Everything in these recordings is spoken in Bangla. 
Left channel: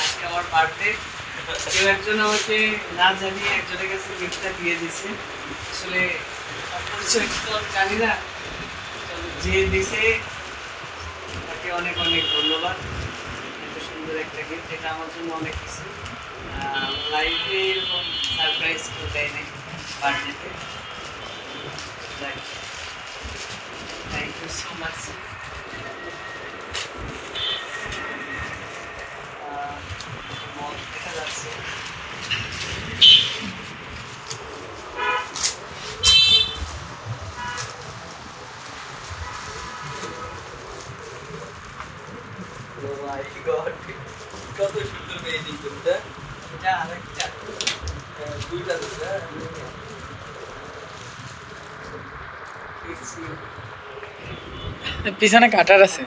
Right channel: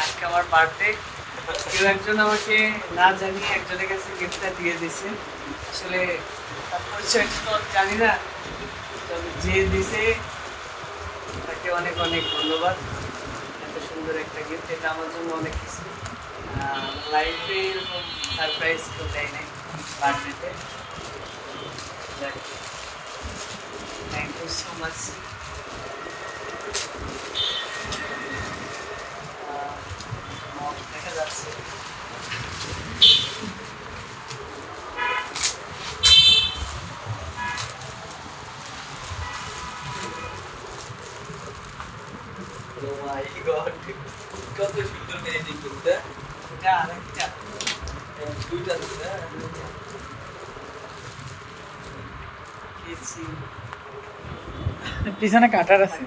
আজকে আমার বার্থডে, কেউ একজন আমাকে না জানিয়ে একজনের কাছে গিফটটা দিয়ে দিছে। আসলে তার পরিচয়টা তো জানি না, তবে যে দিছে তাকে অনেক অনেক ধন্যবাদ। এত সুন্দর একটা গিফট, এটা আমার জন্য অনেক কিছু। লাইফে এরকম সারপ্রাইজ কেউ দেয় নাই বার্থডেতে। Thank you so much. দেখা যাচ্ছে কত সুন্দর পেয়েছি তোমরা। এটা আরেকটা দুইটা আছে পিছনে কাটার আছে।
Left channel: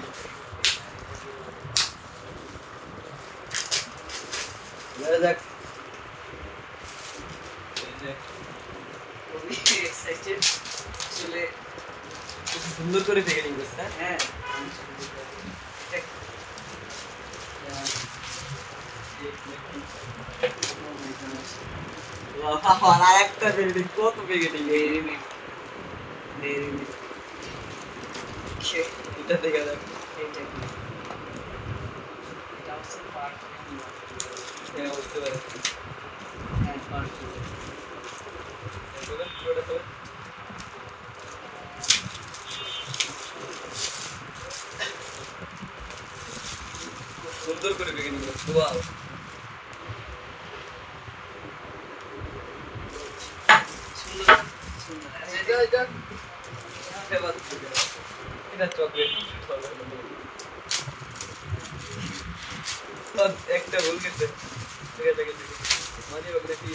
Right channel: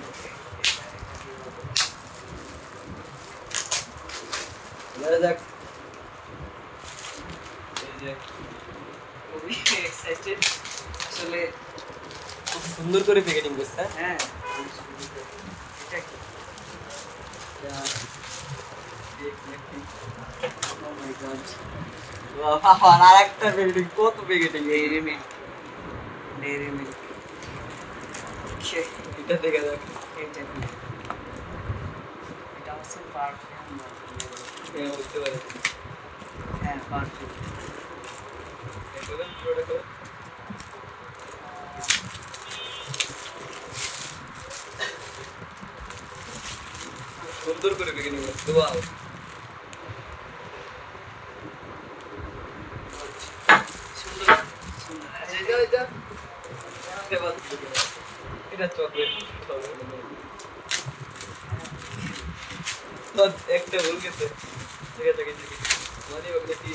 খুবই এক্সাইটেড আসলে। সুন্দর করে প্যাকেটিং করছে। হ্যাঁ, আর একটা প্যাকেটিং, কত packeting! Dairy milk, dairy milk. এটা দেখা যাক। এটা কি? এটা হচ্ছে পারফিউম। হ্যাঁ, বুঝতে পারো। হ্যাঁ, পারফিউম। সুন্দর করে প্যাকেটিং করছে। ওয়াও, সুন্দর সুন্দর। এটা চকলেট একটা ভুল গেছে। দেখি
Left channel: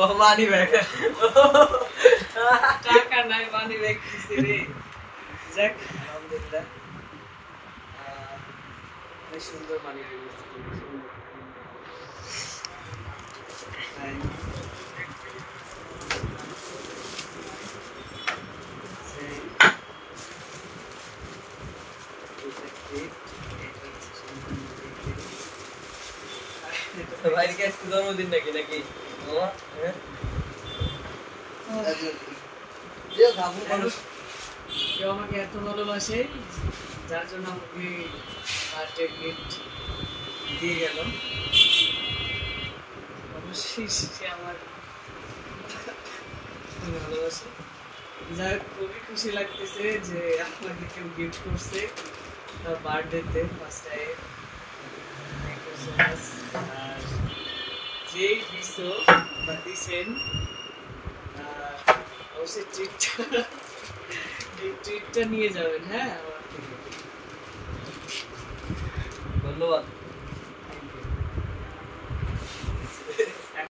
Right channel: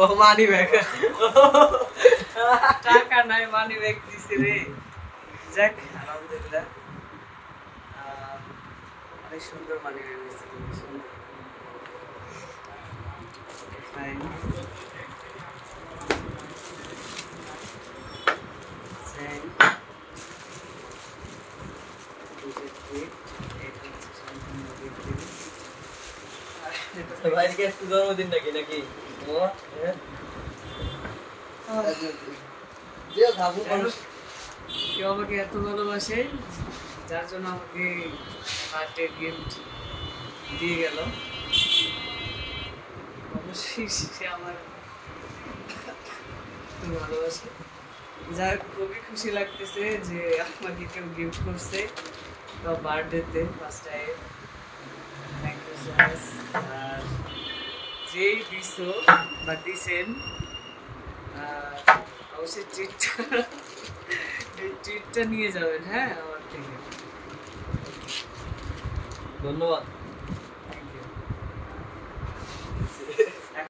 ও মানি ব্যাগ, টাকা নাই, মানি ব্যাগ দিছে রে। যাক, আলহামদুলিল্লাহ। অনেক সুন্দর মানি ব্যাগ দিছে, খুব সুন্দর। ভাইয়ের কি আজকে জন্মদিন নাকি নাকি? কেউ আমাকে এত ভালোবাসে, যার জন্য আমাকে বার্থডে গিফট দিয়ে গেল। অবশ্যই সে আমার ভালোবাসে। যাই হোক, খুবই খুশি লাগতেছে যে আমাকে কেউ গিফট করছে বা বার্থডেতে first time. Thank you so much. আর যেই দিছো বা দিছেন, অবশ্যই ট্রিটটা নিয়ে যাবেন। হ্যাঁ, আমার থেকে ধন্যবাদ।